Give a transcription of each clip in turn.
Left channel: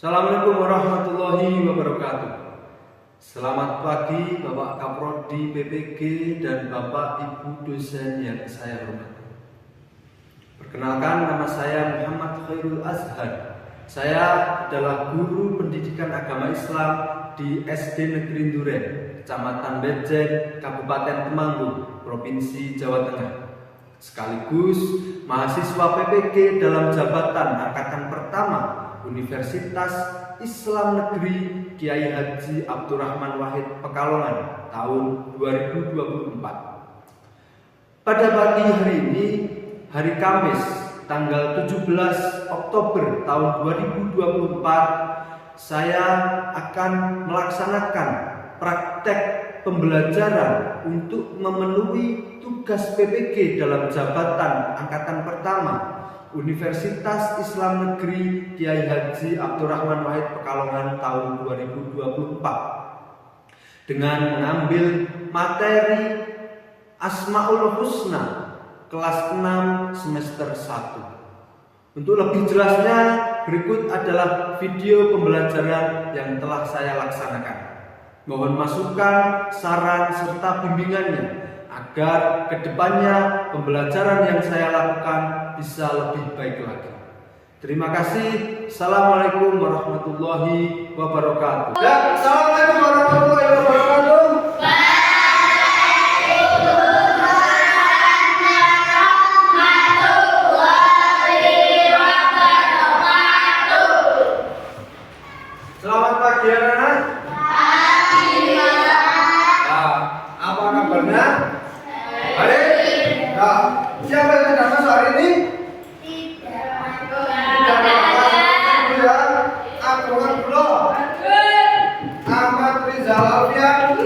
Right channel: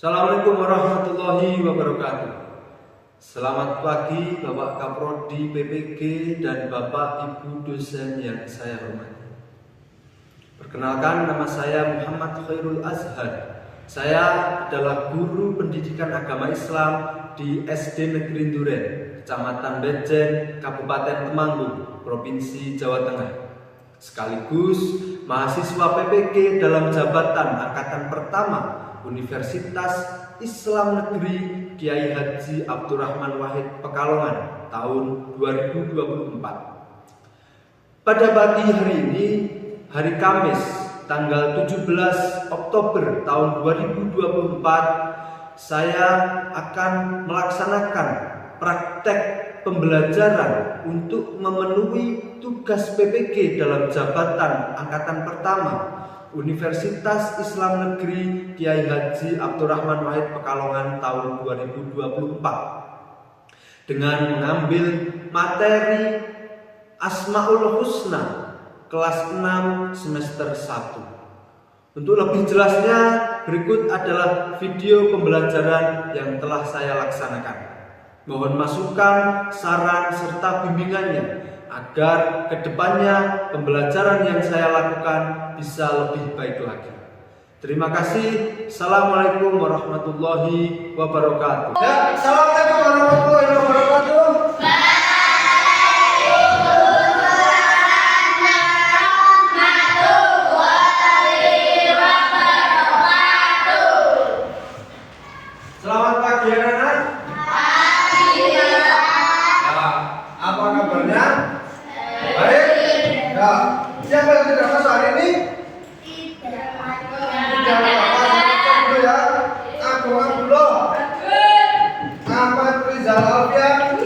Assalamualaikum warahmatullahi wabarakatuh. Selamat pagi Bapak Kaprodi PPG dan Bapak Ibu dosen yang saya hormati. Perkenalkan, nama saya Muhammad Khairul Azhar. Saya adalah guru pendidikan agama Islam di SD Negeri Duren, Kecamatan Bejen, Kabupaten Temanggung, Provinsi Jawa Tengah. Sekaligus mahasiswa PPG dalam jabatan angkatan pertama Universitas Islam Negeri Kiai Haji Abdurrahman Wahid Pekalongan tahun 2024. Pada pagi hari ini, hari Kamis, tanggal 17 Oktober tahun 2024, saya akan melaksanakan praktek pembelajaran untuk memenuhi tugas PPG dalam jabatan angkatan pertama Universitas Islam Negeri Kiai Haji Abdurrahman Wahid Pekalongan tahun 2024 dengan mengambil materi Asmaul Husna kelas 6 semester 1. Untuk lebih jelasnya, berikut adalah video pembelajaran yang telah saya laksanakan. Mohon masukan, saran, serta bimbingannya agar kedepannya pembelajaran yang saya lakukan bisa lebih baik lagi. Terima kasih. Assalamualaikum warahmatullahi wabarakatuh. Ya, assalamualaikum warahmatullahi wabarakatuh. Selamat pagi anak-anak. Apa kabarnya? Baik. Nah, siapa yang tidak masuk hari ini? Tidak masuk ya. Agung Abdullah. Ahmad Rizal Alfian.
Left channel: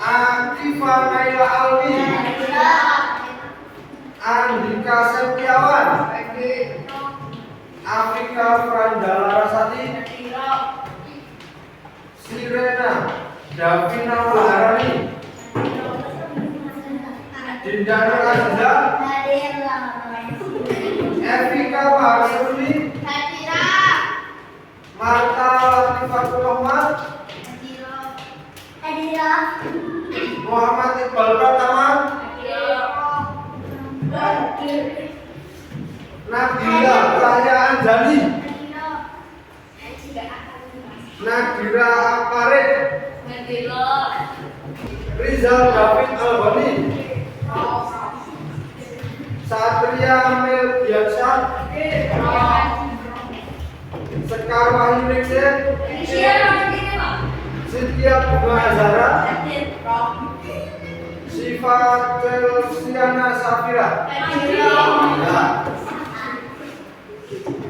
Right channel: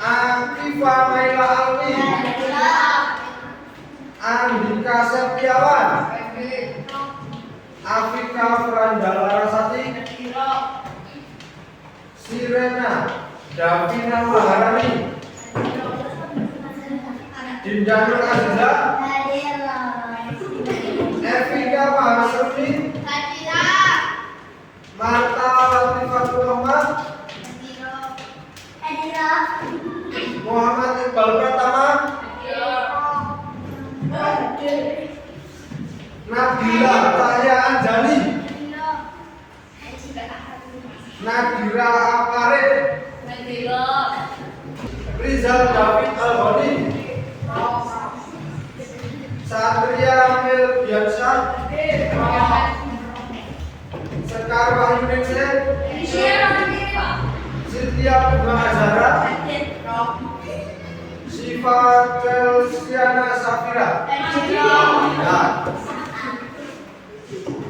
Akifah Naila Alwi. Andika Setiawan. Afika Frandala Rasati. Sirena Davina Maharani. Dinda Nur Aziza. Evika Maharani. Marta Latifatul Rahman. Muhammad Iqbal Pratama. Nabila Cahya Anjani. Nadira Aparit. Rizal David Albani. Satria Milbiansyah. Sekar Wahyu Ningsih. Sitiya Bunga Azhara. Siva Celsiana Safira. Nah,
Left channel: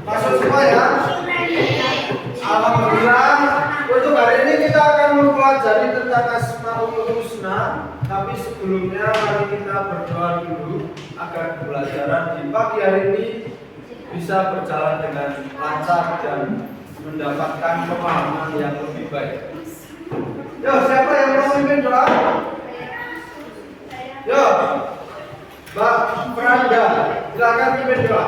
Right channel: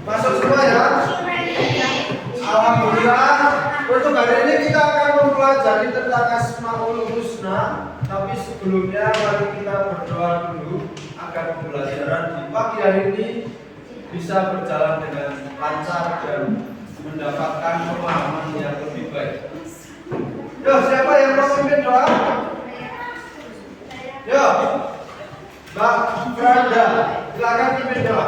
masuk semua ya. Alhamdulillah. Untuk hari ini kita akan mempelajari tentang Asmaul Husna. Tapi sebelumnya mari kita berdoa dulu agar pembelajaran di pagi hari ini bisa berjalan dengan lancar dan mendapatkan pemahaman yang lebih baik. Yo, siapa yang mau memimpin doa? Yo, Mbak Franda, silakan pimpin doa.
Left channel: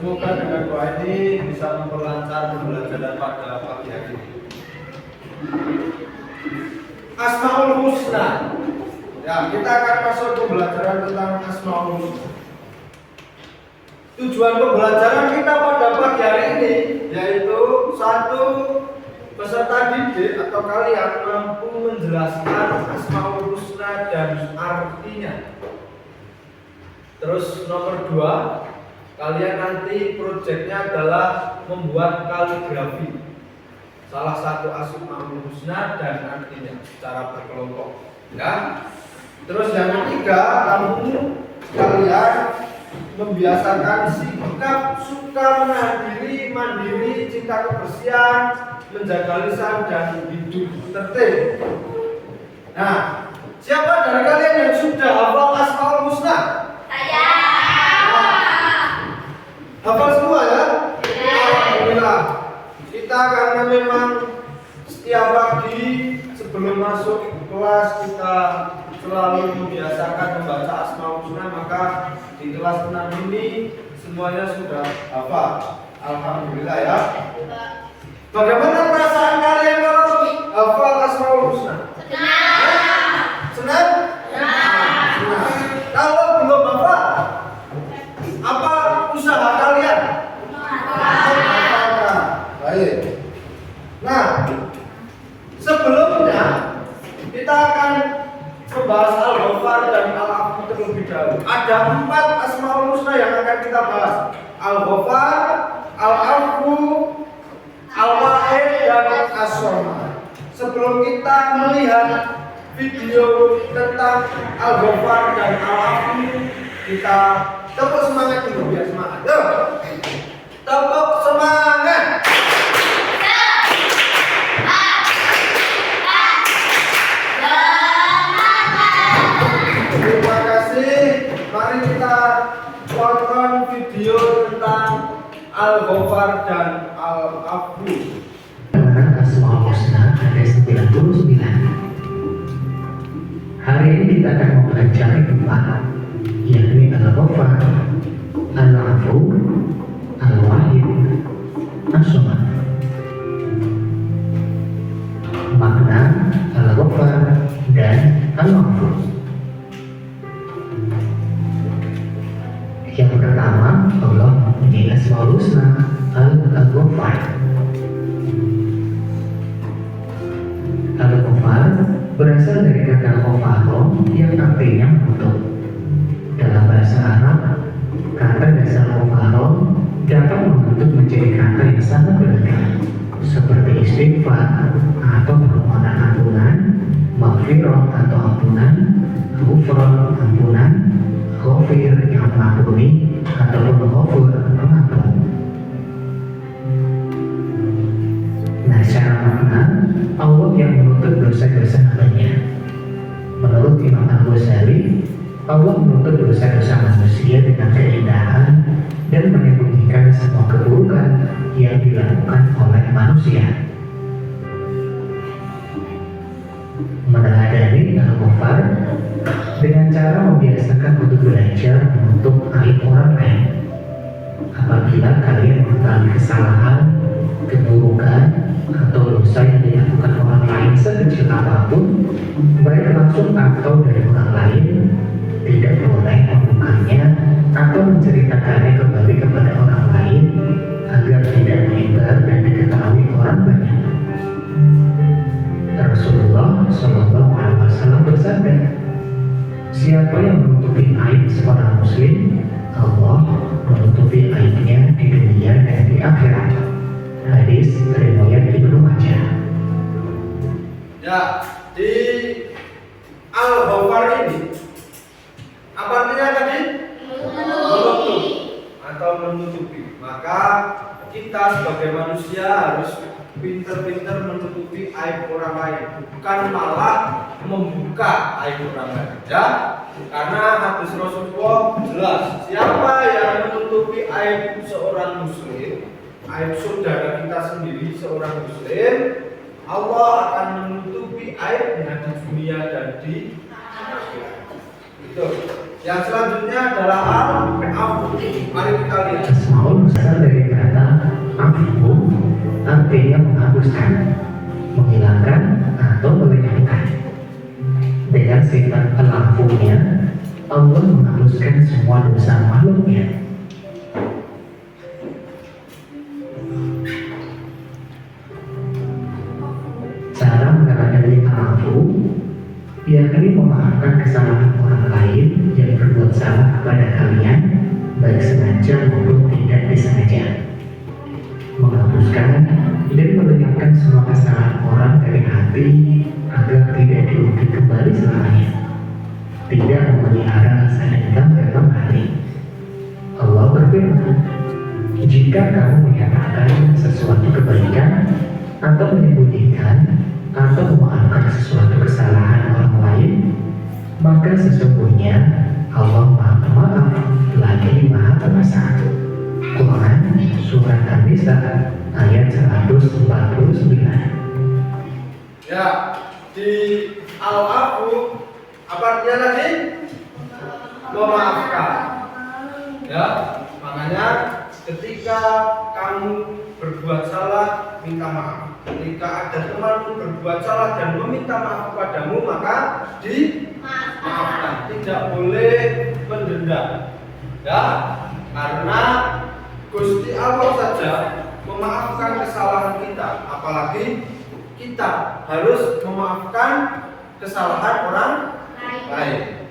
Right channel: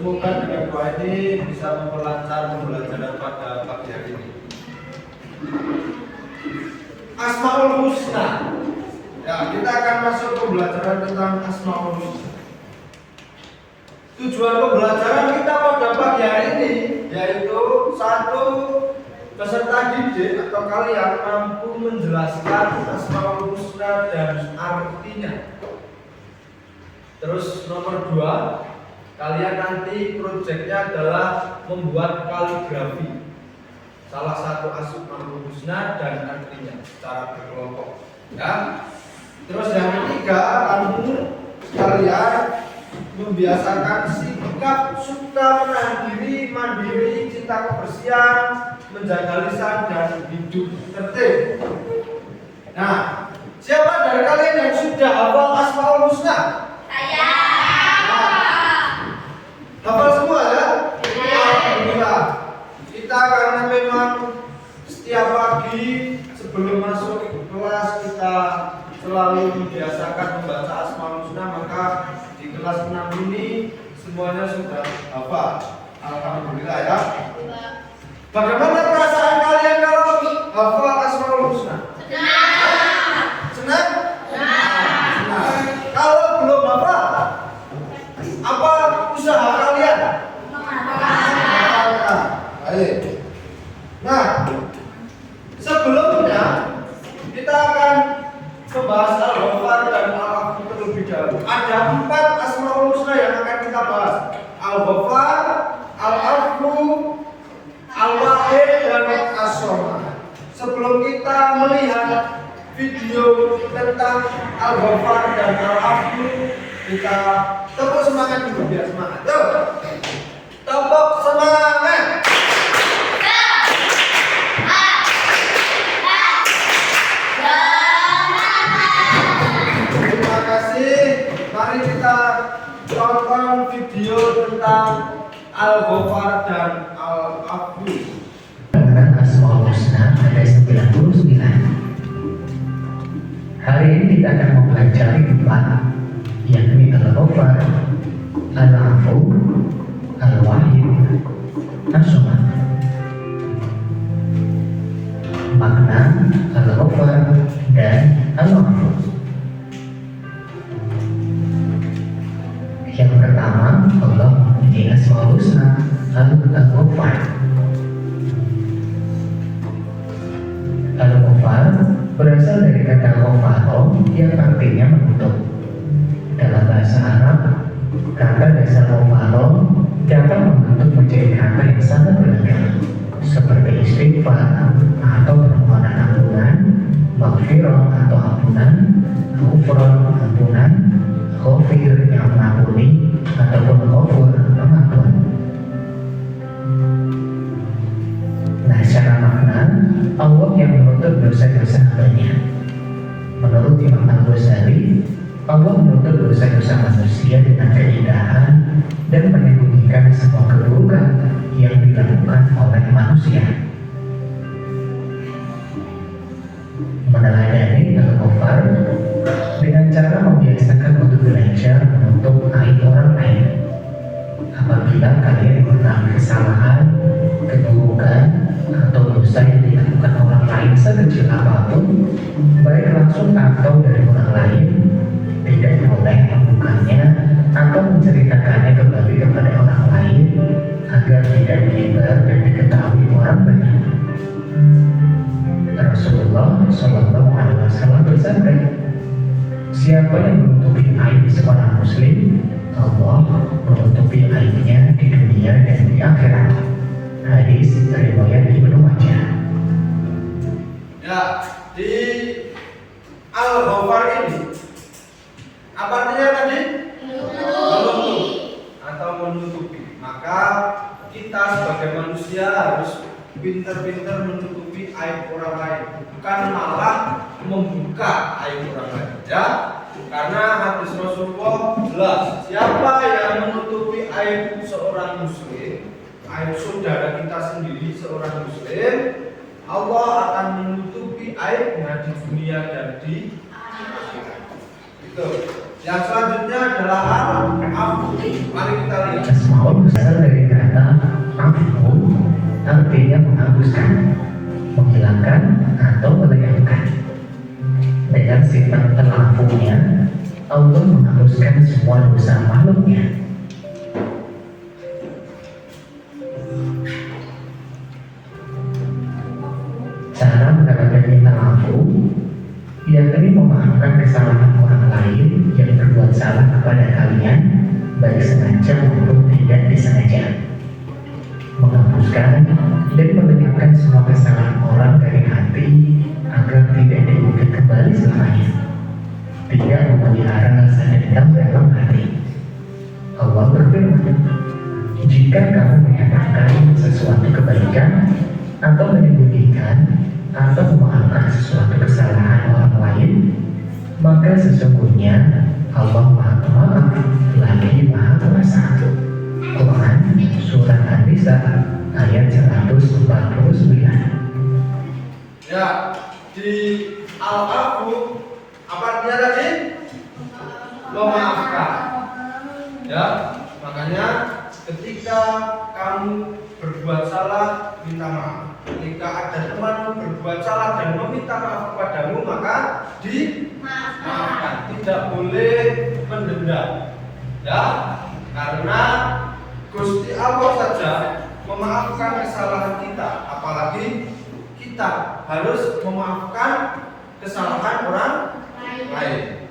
Semoga dengan doa ini bisa memperlancar pembelajaran pada pagi hari ini. Asmaul Husna. Ya, kita akan masuk pembelajaran tentang Asmaul Husna. Tujuan pembelajaran kita pada pagi hari ini yaitu satu, peserta didik atau kalian mampu menjelaskan Asmaul Husna dan artinya. Terus nomor 2, kalian nanti proyeknya adalah membuat kaligrafi salah satu Asmaul Husna dan artinya secara berkelompok, ya. Terus yang ketiga, kalian membiasakan sikap suka menahan diri, mandiri, cinta kebersihan, menjaga lisan dan hidup tertib. Nah, siapa dari kalian yang sudah hafal Asmaul Husna? Saya. Hafal semua ya? Alhamdulillah. Kita karena memang setiap pagi sebelum masuk kelas kita selalu membiasakan membaca Asmaul Husna, maka di kelas 6 ini semuanya sudah hafal. Alhamdulillah ya. Bagaimana perasaan kalian kalau hafal Asmaul Husna? Senang? Senang. Kalau belum hafal, apa usaha kalian? Baik. Nah, sebelumnya kita akan membahas Al-Ghafar dan Al-Afu terlebih dahulu. Ada 4 Asmaul Husna yang akan kita bahas: Al-Ghafar, Al-Afu, Al-Wahid dan As-Somad. Sebelum kita melihat video tentang Al-Ghafar dan Al-Afu, kita tepuk semangat dulu biar semangat. Yuk. Tepuk semangat. Terima kasih. Mari kita tonton video tentang Al-Ghafar dan Al-Afu. Asmaul Husna ada 99. Hari ini kita akan mempelajari 4, yakni Al-Ghafar, Al-Afu, Al-Wahid, As-Somad. Makna Al-Ghafar dan Al-Afu. Yang pertama, Allah mempunyai Asmaul Husna Al-Ghafar. Al-Ghafar berasal dari kata ghafaro yang artinya menutup. Dalam bahasa Arab, kata dasar ghafaro dapat membentuk menjadi kata yang sangat beragam, seperti istighfar atau permohonan ampunan, maghfirah atau ampunan, ghufran ampunan, ghafir yang mengampuni, ataupun ghafur pengampun. Nah, secara makna, Allah yang menutup dosa-dosa hambanya. Menurut Imam Al-Ghazali, Allah menutup dosa-dosa manusia dengan keindahan dan menyembunyikan semua keburukan yang dilakukan oleh manusia. Meneladani Al-Ghafar dengan cara membiasakan untuk belajar menutup aib orang lain. Apabila kalian mengetahui kesalahan, keburukan, atau dosa yang dilakukan orang lain sekecil apapun, baik langsung atau dari orang lain, tidak boleh membukanya atau menceritakannya kembali kepada orang lain agar tidak menyebar dan diketahui orang banyak. Rasulullah Shallallahu Alaihi Wasallam bersabda, siapa yang menutupi aib seorang muslim, Allah menutupi aibnya di dunia dan di akhirat. Hadis riwayat Ibnu Majah. Ya, di Al-Ghafar ini apa artinya tadi? Menutup atau menutupi. Maka kita sebagai manusia harus pintar-pintar menutupi aib orang lain, bukan malah membuka aib orang lain. Ya, karena hadis Rasulullah jelas, siapa yang menutupi aib seorang muslim, aib saudara kita sendiri seorang muslim, Allah akan menutupi aibnya di dunia dan di akhirat. Itu. Yang selanjutnya adalah Al-Afu. Mari kita lihat. Asmaul berasal dari kata afu, artinya menghapuskan, menghilangkan atau melenyapkan. Dengan sifat al-afunya, Allah menghapuskan semua dosa makhluknya. Cara mengenali al-afu, yakni memaafkan kesalahan orang lain yang berbuat salah kepada kalian, baik sengaja maupun tidak disengaja. Menghapuskan dan melenyapkan semua kesalahan orang dari hati agar tidak diungkit kembali selamanya. Tidak memelihara rasa dendam dalam hati. Allah berfirman, jika kamu menyatakan sesuatu kebaikan atau menyembunyikan atau memaafkan sesuatu kesalahan orang lain, maka sesungguhnya Allah Maha Pemaaf lagi Maha Pengasih. Quran Surat An-Nisa ayat 149. Ya, di Al-Afu apa artinya tadi? Memaafkan. Ya, makanya ketika kamu berbuat salah, minta maaf. Ketika ada temanmu berbuat salah dan meminta maaf kepadamu, maka dimaafkan. Tidak boleh mendendam. Ya, karena Gusti Allah saja memaafkan kesalahan kita, apalagi kita harus memaafkan kesalahan orang lain.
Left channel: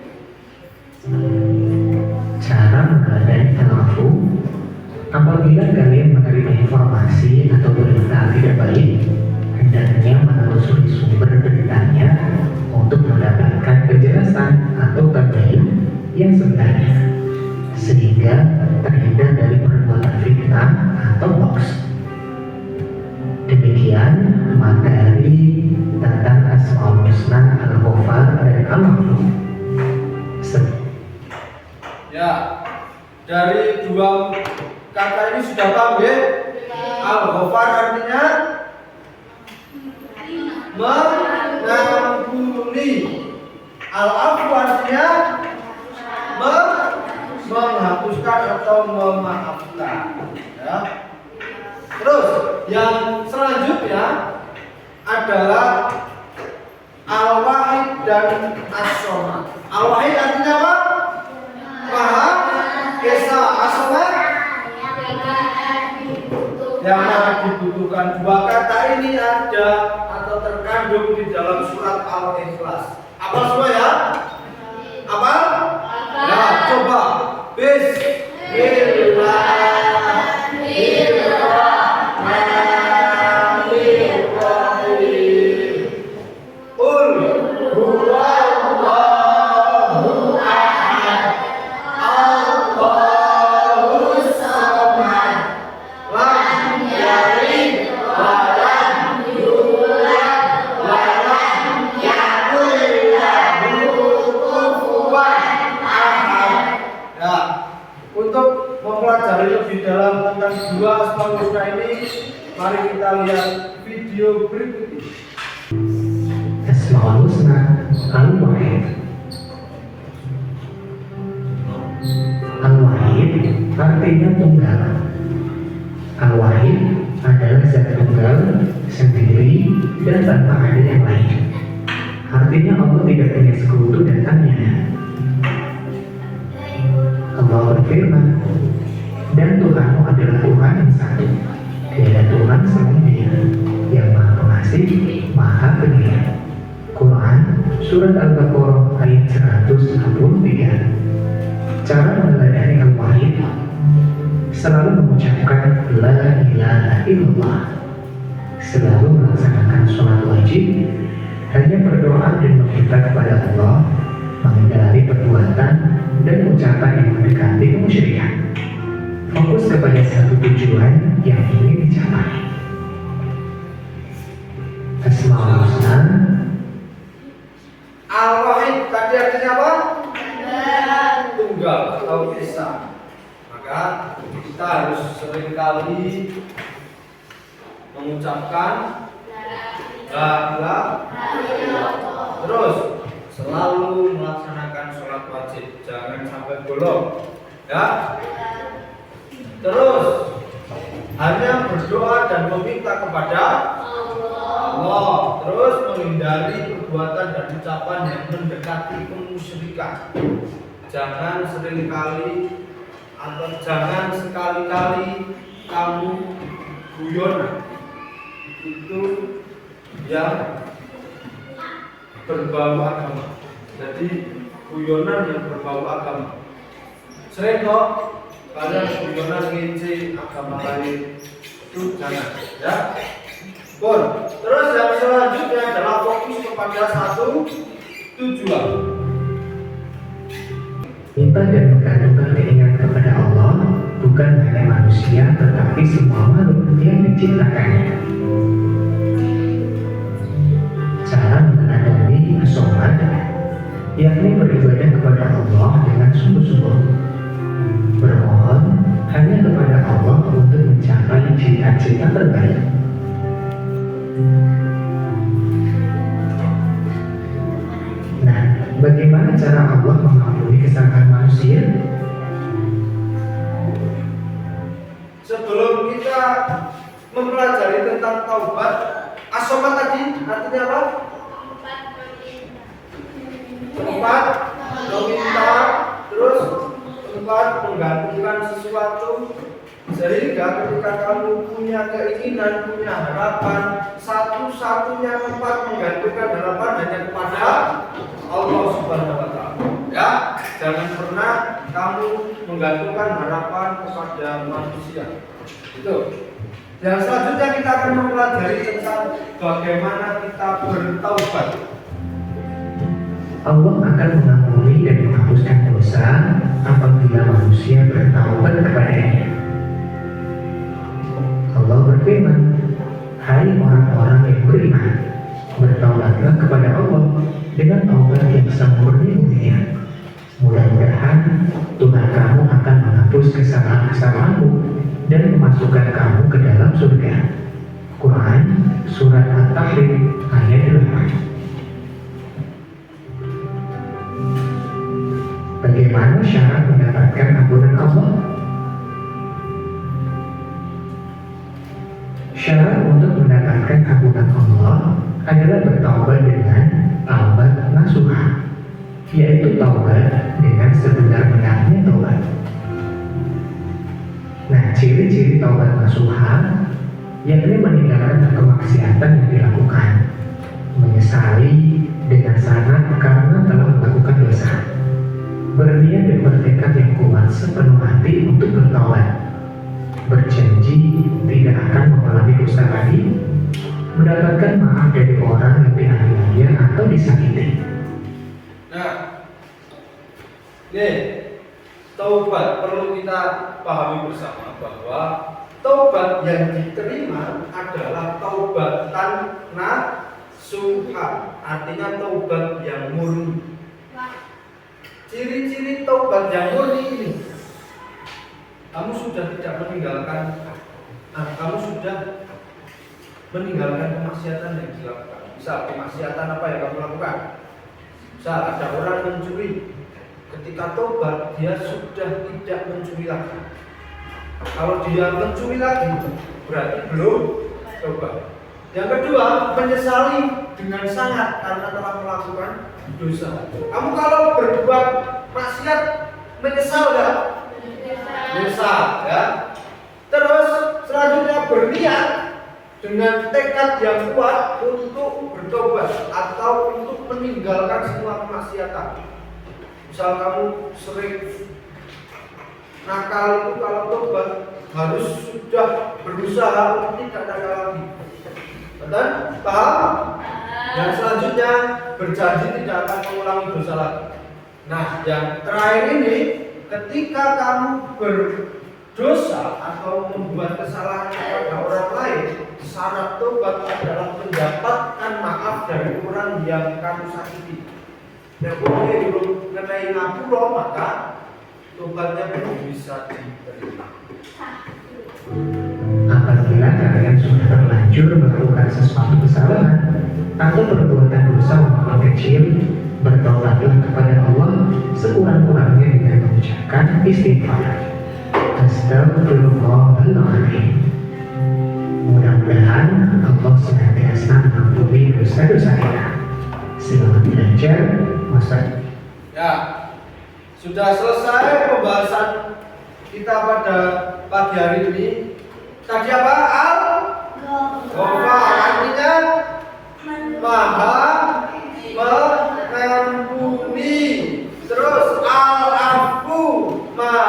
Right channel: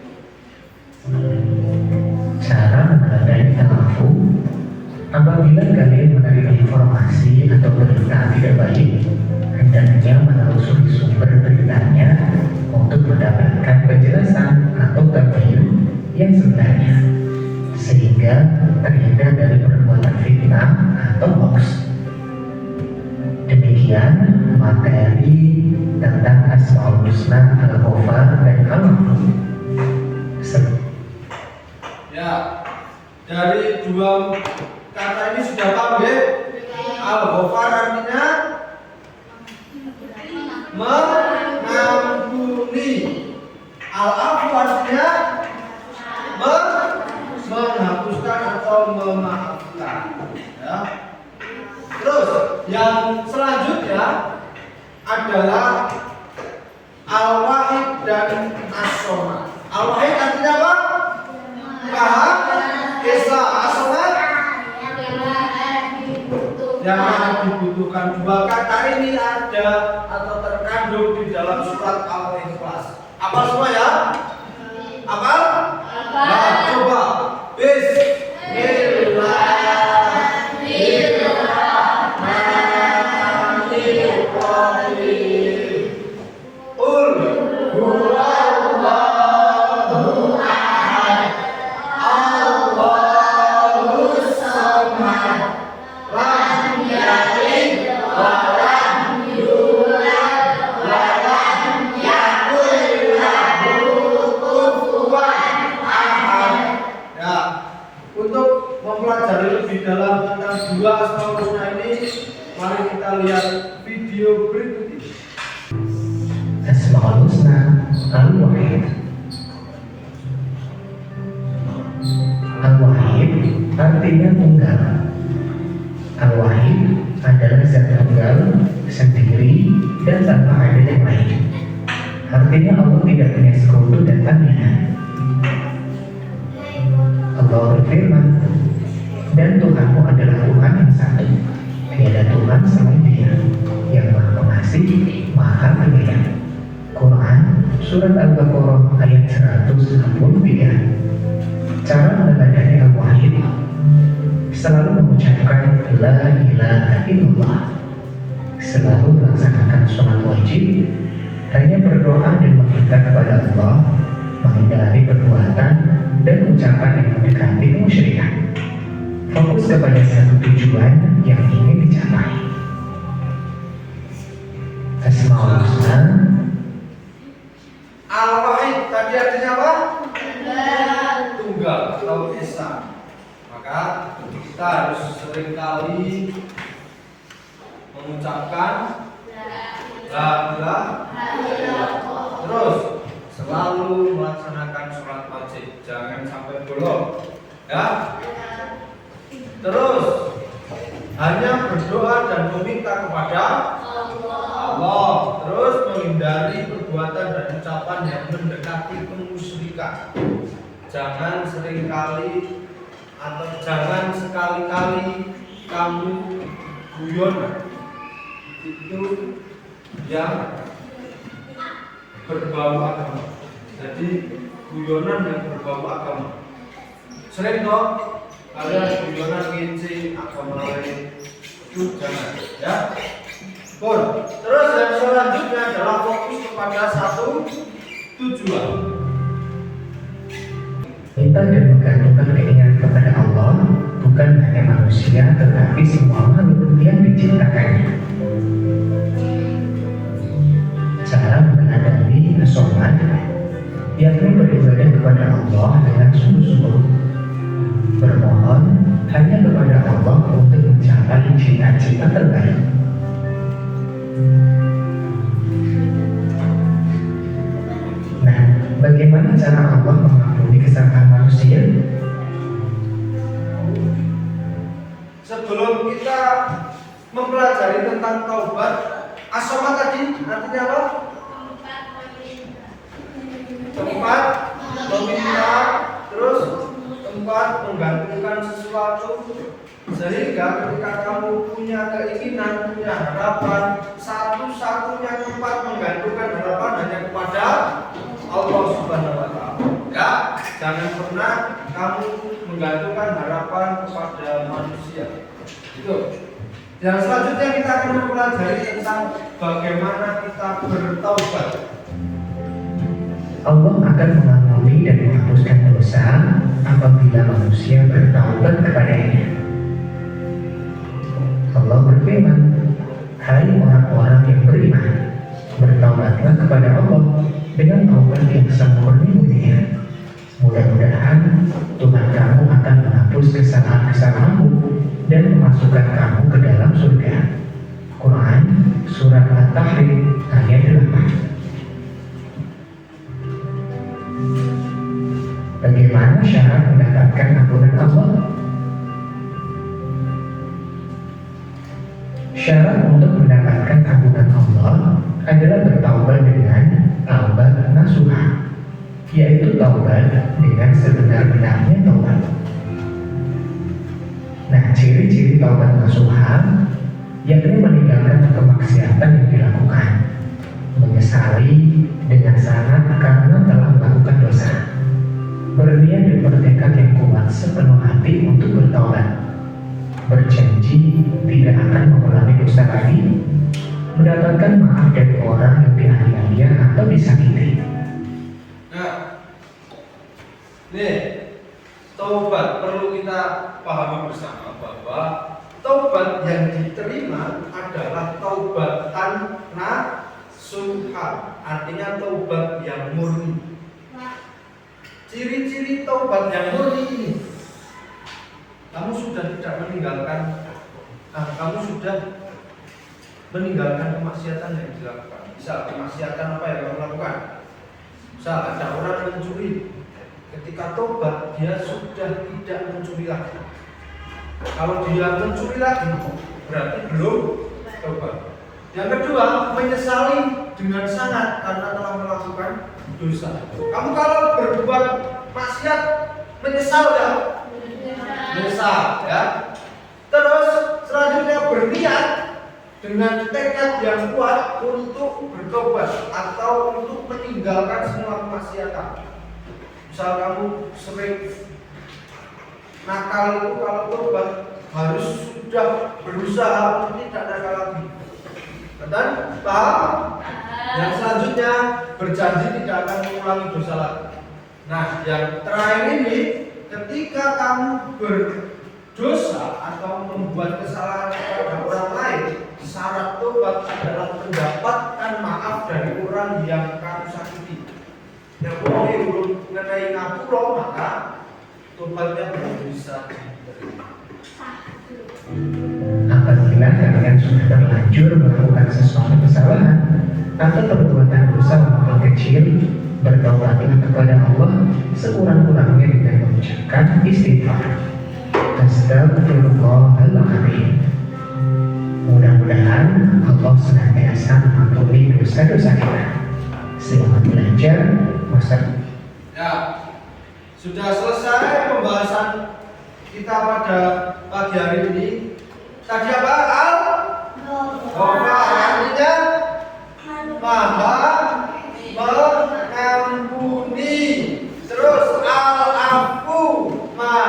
Cara menghadapi ta'afu: apabila kalian menerima informasi atau berita tidak baik, hendaknya menelusuri sumber beritanya untuk mendapatkan penjelasan atau tabayun yang sebenarnya, sehingga terhindar dari perbuatan fitnah atau hoax. Demikian materi tentang Asmaul Husna, Al-Ghafar dan Al-Afu. Ya, dari dua kata ini sudah paham ya? Al-Ghafar artinya mengampuni. Al-Afu artinya menghapuskan atau memaafkan. Ya. Terus yang selanjutnya adalah Al-Wahid dan As-Somad. Al-Wahid artinya apa? Maha Esa. As-Somad yang mana dibutuhkan. Dua kata ini ada atau terkandung di dalam surat Al-Ikhlas. Apa semua ya? Apa? Ya, coba. Bismillahirrahmanirrahim. Qul huwallahu ahad, Allahus samad, lam yalid wa lam yulad wa lam yakul lahu kufuwan ahad. Ya, untuk mempelajari lebih dalam tentang dua Asmaul Husna ini, mari kita lihat video berikut ini. Asmaul Husna Al-Wahid. Al-Wahid artinya tunggal. Al-Wahid adalah zat tunggal, sendiri, dan tanpa ada yang lain. Artinya Allah tidak punya sekutu dan tandingan. Allah berfirman, dan Tuhanmu adalah Tuhan yang satu, tiada Tuhan selain Dia, yang Maha Pengasih, Maha Penyayang. Quran Surat Al-Baqarah ayat 163. Cara meneladani Al-Wahid: selalu mengucapkan La ilaha illallah, selalu melaksanakan sholat wajib, hanya berdoa dan meminta kepada Allah, menghindari perbuatan dan ucapan yang mendekati kemusyrikan. Fokus kepada satu tujuan yang ingin dicapai. Asmaul Husna Al-Wahid tadi artinya apa? Tunggal atau esa. Maka kita harus seringkali mengucapkan La ilaha illallah. Terus selalu melaksanakan sholat wajib, jangan sampai bolong. Ya. Terus hanya berdoa dan meminta kepada Allah. Terus menghindari perbuatan dan ucapan yang mendekati kemusyrikan. Jangan seringkali atau jangan sekali-kali kamu guyonan. Itu yang berbau agama. Jadi guyonan yang berbau agama. Sering kok kalian guyonan ngece agama lain itu jangan ya. Pun terus yang selanjutnya adalah fokus kepada satu tujuan. Minta dan menggantungkan keinginan kepada Allah bukan hanya manusia tetapi semua makhluk yang diciptakannya. Cara meneladani as-sholat yakni beribadah kepada Allah dengan sungguh-sungguh, bermohon hanya kepada Allah untuk mencapai cita-cita terbaik. Nah, bagaimana cara Allah mengampuni kesalahan manusia? Sebelum kita mempelajari tentang taubat, as-sholat tadi artinya apa? Tempat meminta, terus tempat menggantungkan sesuatu. Sehingga ketika kamu punya keinginan, punya harapan, satu-satunya tempat menggantungkan harapan hanya kepada Allah Subhanahu wa Ta'ala. Ya, jangan pernah kamu menggantungkan harapan kepada manusia. Itu. Yang selanjutnya kita akan mempelajari tentang bagaimana kita bertaubat. Allah akan mengampuni dan menghapuskan dosa apabila manusia bertaubat kepadanya. Allah berfirman, "Hai orang-orang yang beriman, bertaubatlah kepada Allah dengan taubat yang semurni-murninya. Mudah-mudahan Tuhan kamu akan menghapus kesalahan-kesalahanmu dan memasukkan kamu ke dalam surga." Quran Surat At-Tahrim ayat 8. Bagaimana syarat mendapatkan ampunan Allah? Syarat untuk mendapatkan ampunan Allah adalah bertaubat dengan taubat nasuha, yaitu taubat dengan sebenar-benarnya taubat. Nah, ciri-ciri taubat nasuha yakni meninggalkan kemaksiatan yang dilakukan, menyesali dengan sangat karena telah melakukan dosa, berniat dan bertekad yang kuat sepenuh hati untuk bertaubat, berjanji tidak akan mengulangi dosa lagi, mendapatkan maaf dari orang yang dianiaya atau disakiti. Nah, nih, taubat perlu kita pahami bersama bahwa taubat yang diterima adalah taubatan nasuha, artinya taubat yang murni. Ciri-ciri taubat yang murni ini, kamu sudah tidak meninggalkan, kamu sudah meninggalkan kemaksiatan yang dilakukan. Misal kemaksiatan apa yang kamu lakukan? Misal ada orang mencuri, ketika taubat dia sudah tidak mencuri lagi. Kalau dia mencuri lagi, berarti belum taubat. Yang kedua, menyesali dengan sangat karena telah melakukan dosa. Kamu kalau berbuat maksiat menyesal ya? Menyesal ya. Terus selanjutnya berniat dengan tekad yang kuat untuk bertobat atau untuk meninggalkan semua kemaksiatan. Misal kamu sering nakal itu, kalau tobat harus sudah berusaha untuk tidak nakal lagi. Dan paham? Yang selanjutnya berjanji tidak akan mengulangi dosa lagi. Nah, yang terakhir ini, ketika kamu berdosa atau membuat kesalahan kepada orang lain, syarat tobat adalah mendapatkan maaf dari orang yang kamu sakiti. Yang belum mengenai ngapura, maka tobatnya belum bisa diterima. Apabila kalian sudah terlanjur melakukan sesuatu kesalahan atau perbuatan dosa walaupun kecil, bertaubatlah kepada Allah sekurang-kurangnya dengan mengucapkan istighfar. Astagfirullahaladzim. Mudah-mudahan Allah senantiasa mengampuni dosa-dosa kita. Selamat belajar, Master. Ya, sudah selesai pembahasan kita pada pagi hari ini. Tadi apa? Artinya Maha mengampuni. Terus Al-Afu, Maha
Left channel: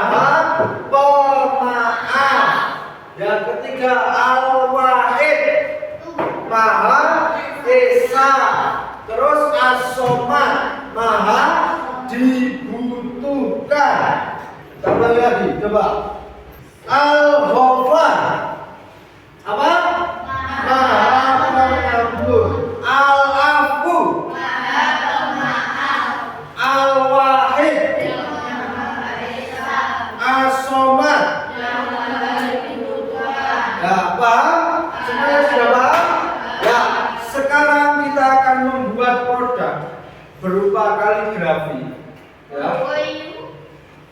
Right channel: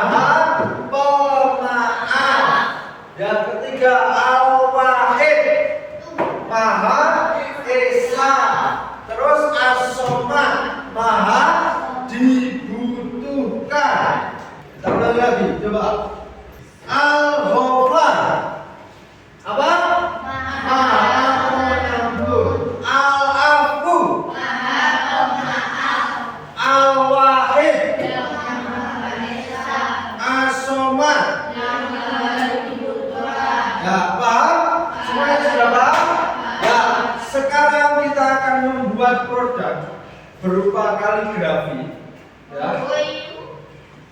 ketiga Al-Wahid, Maha Esa. Terus As-Somad, Maha dibutuhkan. Kita ulangi lagi, coba. Al-Ghafar, apa? Maha pengampun. Al-Afu, Al-Wahid, As-Somad. Ya, paham? Semuanya sudah paham? Ya, sekarang kita akan membuat produk berupa kaligrafi. Ya.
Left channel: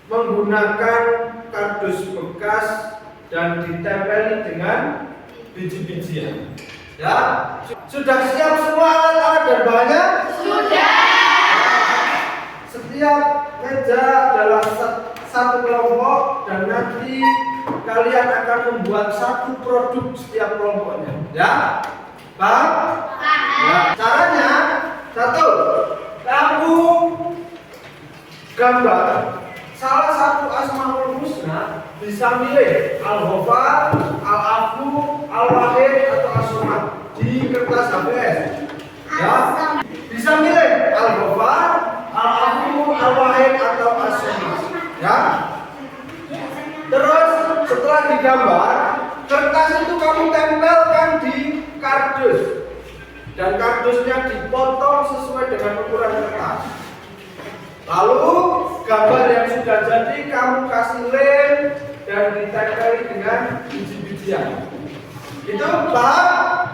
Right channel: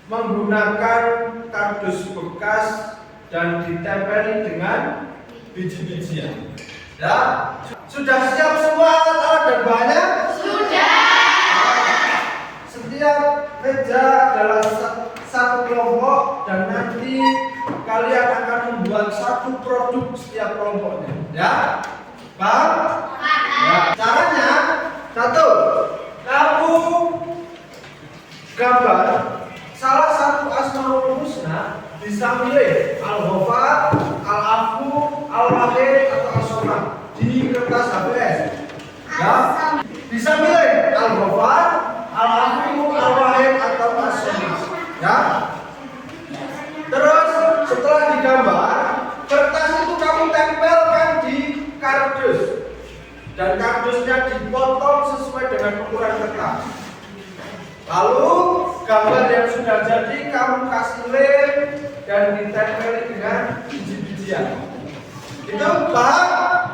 Menggunakan kardus bekas dan ditempeli dengan biji-bijian. Ya, sudah siap semua alat-alat dan bahannya? Sudah. Setiap meja adalah satu kelompok dan nanti kalian akan membuat satu produk setiap kelompoknya. Ya, paham? Ya. Caranya satu, kamu gambar salah satu Asmaul Husna, bisa milih Al-Ghafar, Al-Afu, Al-Wahid atau As-Somad di kertas HVS. Ya, bisa milih Al-Ghafar, Al-Afu, Al-Wahid atau As-Somad. Ya. Terus setelah digambar, kertas itu kamu tempelkan di kardus dan kardusnya dipotong sesuai dengan ukuran kertas. Lalu gambar yang sudah jadi kamu kasih lem dan ditempeli dengan biji-bijian. Itu paham?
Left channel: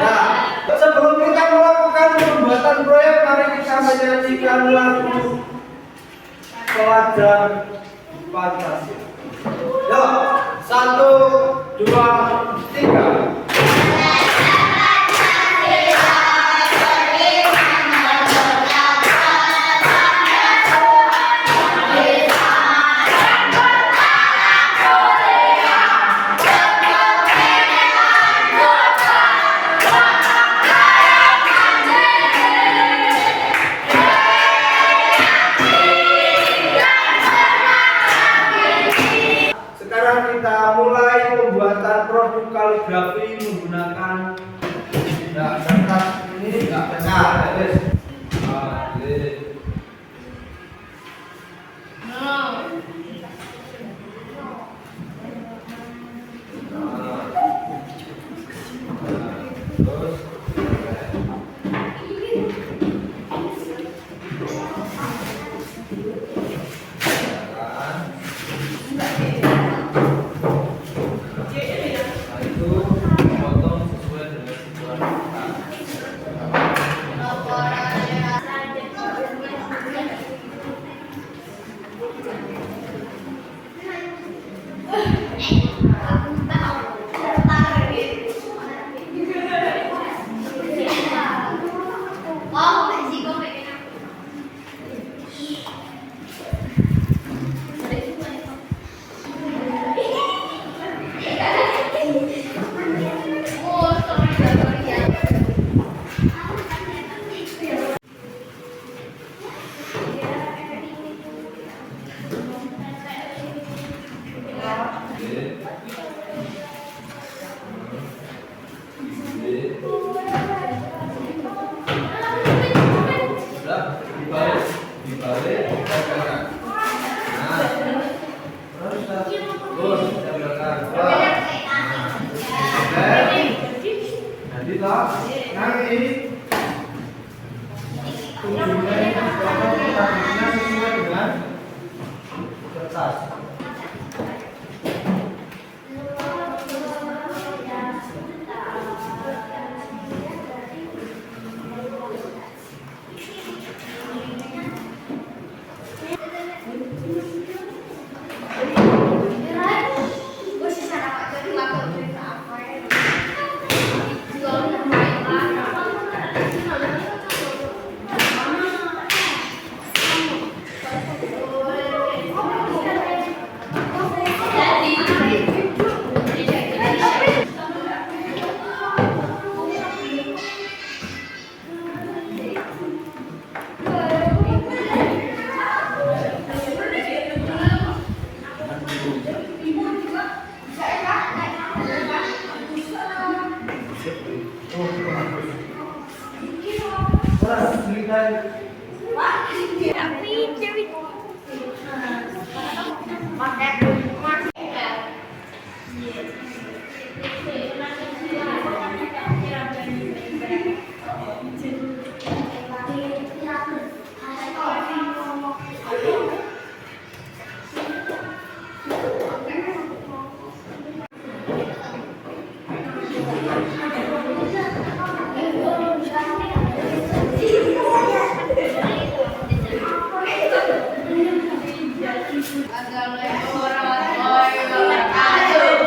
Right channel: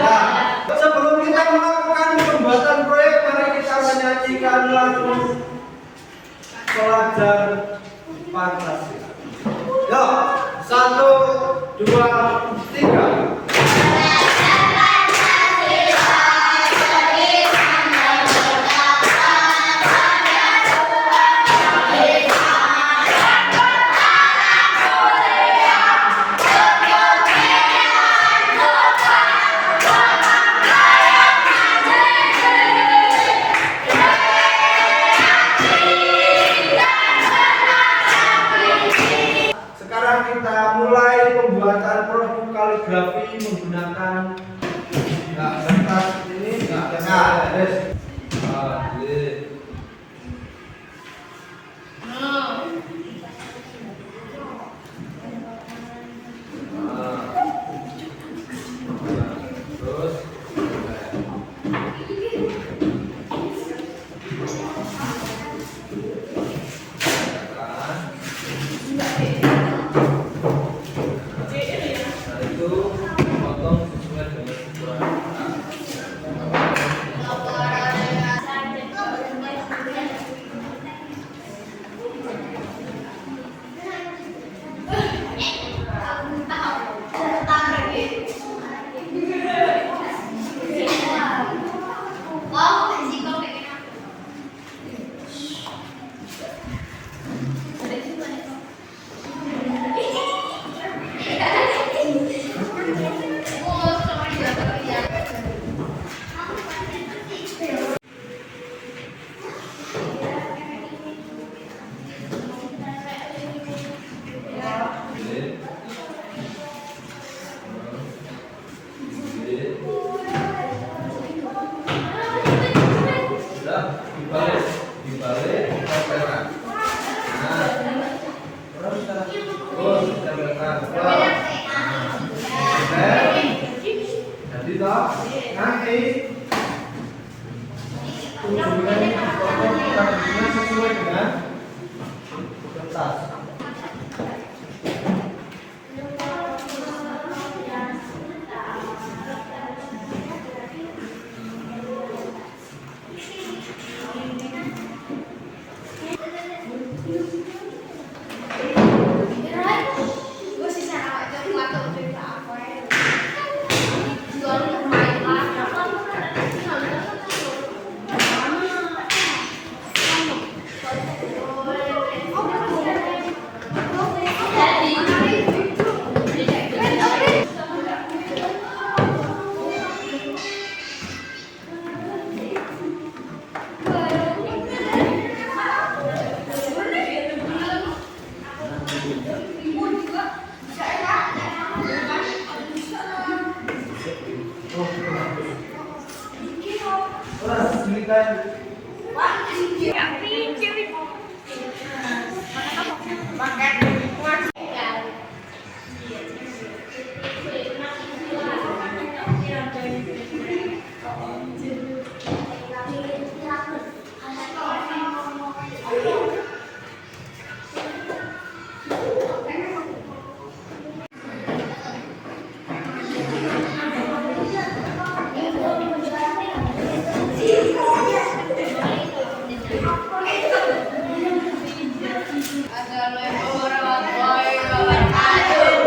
Ya. Sebelum kita melakukan pembuatan proyek, mari kita menyanyikan lagu Pelajar Pancasila. Yuk, 1, 2, 3. Sekarang kita mulai pembuatan produk kaligrafi menggunakan kertas ini. Terus itu potong sesuai dengan ukuran dibalik, tempelkan. Nah, terus tempelkan. Jadi toh nanti ujungnya ini dipotong kardusnya sesuai dengan kertas.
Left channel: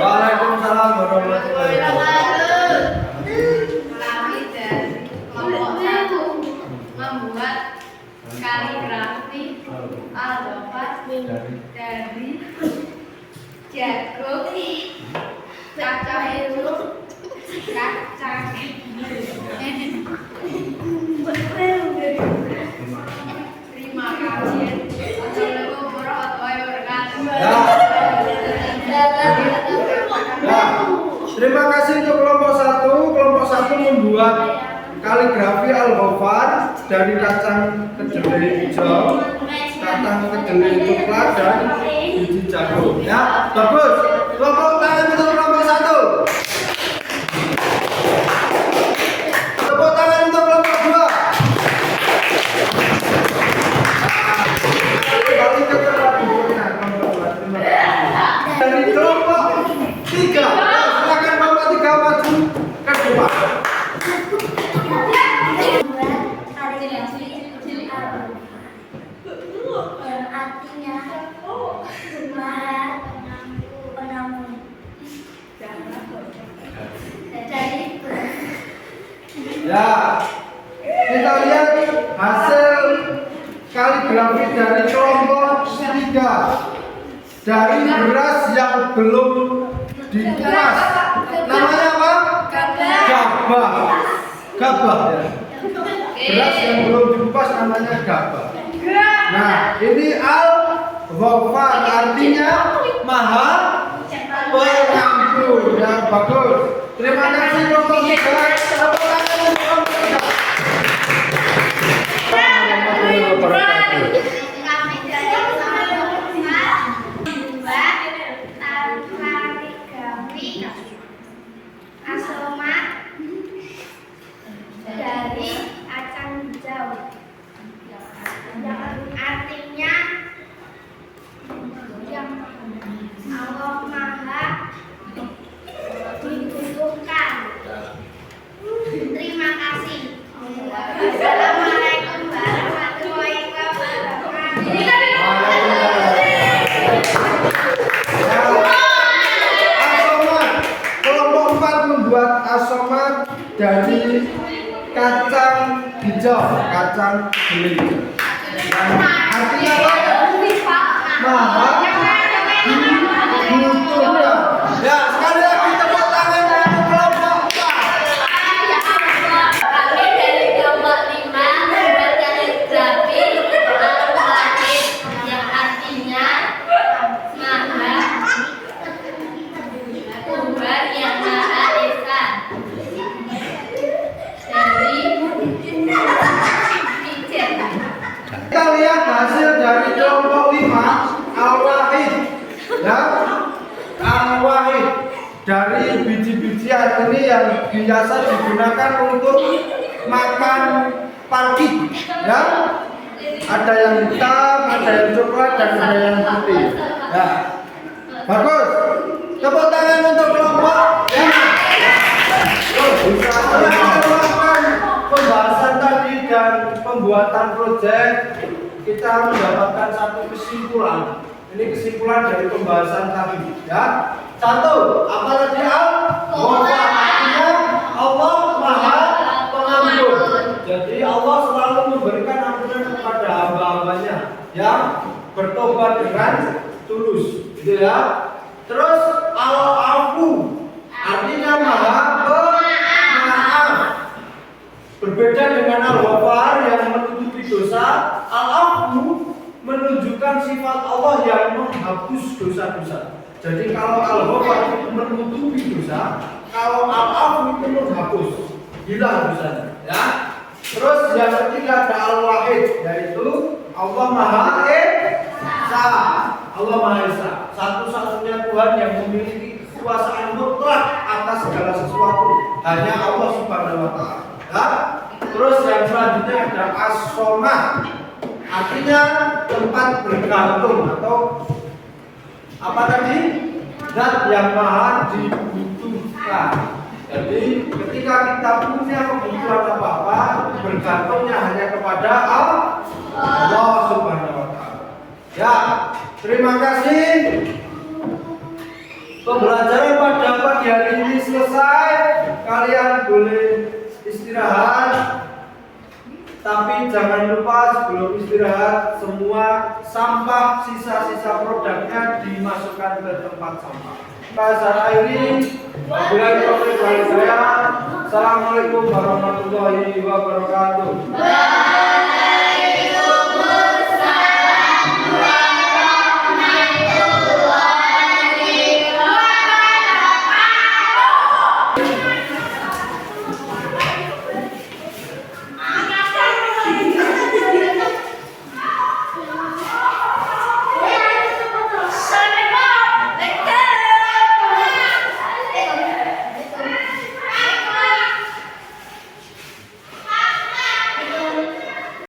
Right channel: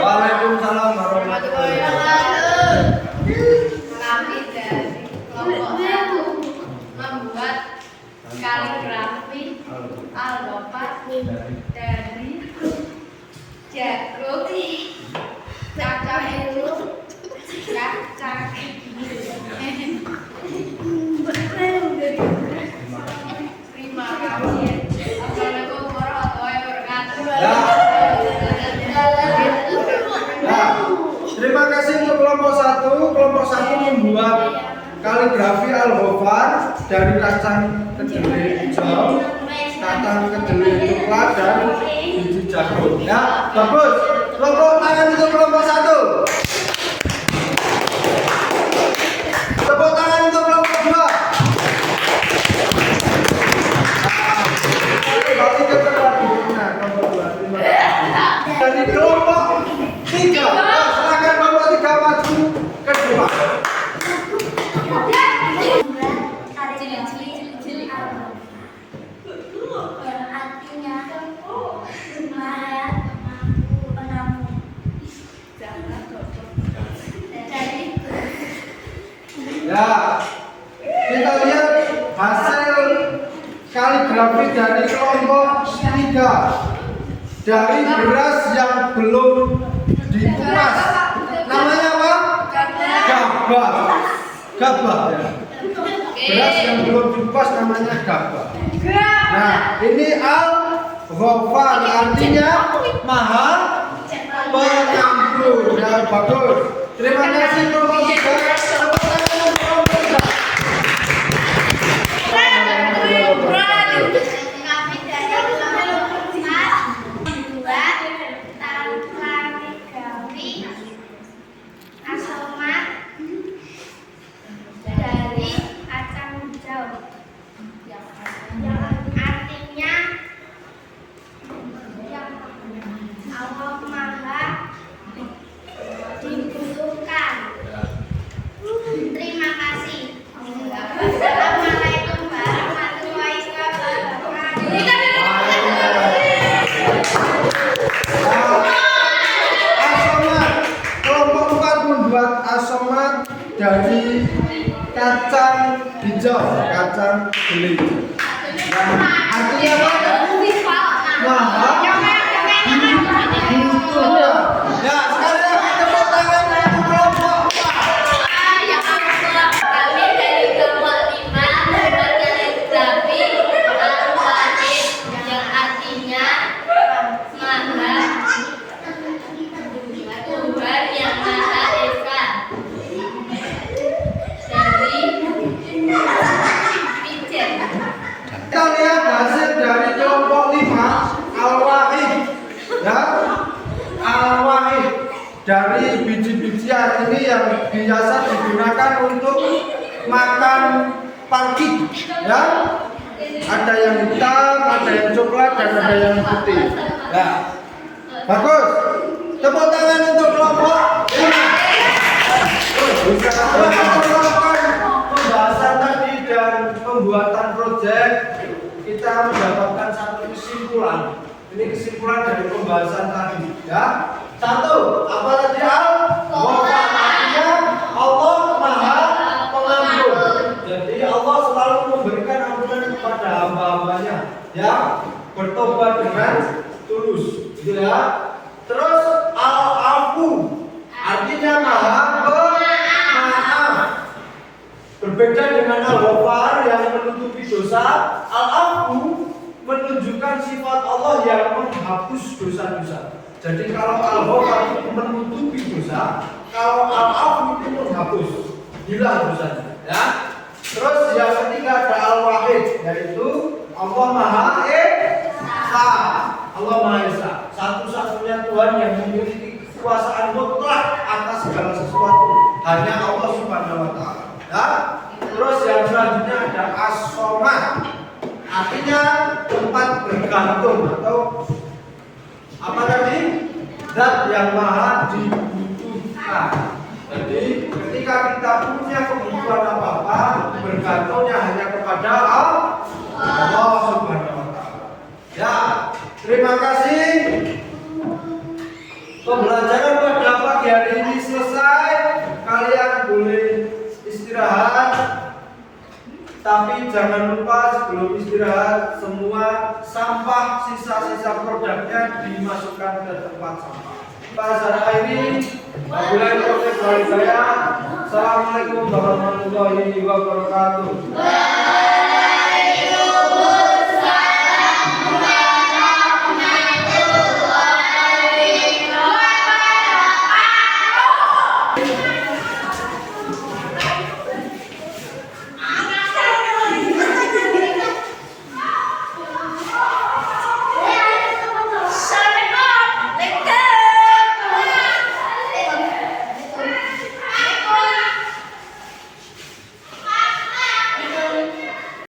Waalaikumsalam warahmatullahi wabarakatuh. Kami dari kelompok 1 membuat kaligrafi al-Ghafar dari jagung, kacang hijau, kacang terima kasih. Assalamualaikum warahmatullahi wabarakatuh. Ya, terima kasih untuk kelompok 1. Kelompok 1 membuat kaligrafi al-Ghafar dari kacang kedelai hijau, kacang kedelai coklat dan biji jagung. Ya, bagus. Tepuk tangan untuk kelompok 1. Tepuk tangan untuk kelompok 2. Kembali ke kelompok 2. Terima kasih. Dari kelompok 3. Silakan kelompok 3 maju ke depan. Yang artinya Maha Pengampun. Dari Ya, kita lihat hasil kaligrafi dari kelompok 3 dari beras yang belum dikupas. Namanya apa? Gabah. Gabah ya. Beras yang belum dikupas namanya gabah. Nah, ini al-Ghafar artinya Maha Pengampun. Ya, bagus. Terima kasih kelompok 3. Tepuk tangan untuk kelompok 3. Kami dari kelompok 4 membuat kaligrafi asomat dari kacang hijau. Artinya Allah Maha dibutuhkan. Terima kasih. Assalamualaikum warahmatullahi wabarakatuh. Asomat. Kelompok 4 membuat asomat dari kacang hijau, kacang kedelai. Yang artinya apa? Maha dibutuhkan. Ya, sekali lagi tepuk tangan untuk kelompok 4. Kami dari kelompok 5 membuat kaligrafi al-Wahid yang artinya Maha Tuhan yang Maha Esa. Dari Pijet. Kita lihat hasil dari kelompok 5 al-Wahid. Ya, al-Wahid dari biji-bijian ini yang biasa digunakan untuk makan parkit. Ya, ada yang hitam, ada yang coklat, dan ada yang putih. Ya, bagus. Tepuk tangan untuk kelompok 5. Setelah pembahasan tadi dan pembuatan proyek, kita mendapatkan satu kesimpulan. Ini kesimpulan dari pembahasan tadi. Ya, 1. Apa tadi al-Ghafar artinya Allah Maha Pengampun. Jadi Allah selalu memberikan ampunan kepada hamba-hambanya yang bertobat dengan tulus. Gitu ya. Terus al-Afu artinya Maha Pemaaf. Berbeda dengan al-Ghafar yang menutupi dosa, al-Afu menunjukkan sifat Allah yang menghapus dosa-dosa. Jadi kalau al-Ghafar itu menutupi dosa, kalau al-Afu itu menghapus, hilang dosanya. Ya. Terus yang ketiga ada Al-Wahid, yaitu Allah Maha Esa. Allah Maha Esa, satu-satunya Tuhan yang memiliki kekuasaan mutlak atas segala sesuatu. Hanya Allah Subhanahu wa taala. Ya. Terus yang selanjutnya ada As-Somad. Artinya tempat bergantung atau apa tadi? Zat yang maha dibutuhkan. Jadi ketika kita punya kebutuhan apa-apa, bergantungnya hanya kepada Allah Subhanahu wa taala. Ya, terima kasih. Pembelajaran pada pagi hari ini selesai. Kalian boleh istirahat. Tapi jangan lupa sebelum istirahat semua sampah sisa-sisa produknya dimasukkan ke tempat sampah. Saya akhiri. Wabillahi taufiq wal hidayah. Assalamualaikum warahmatullahi wabarakatuh.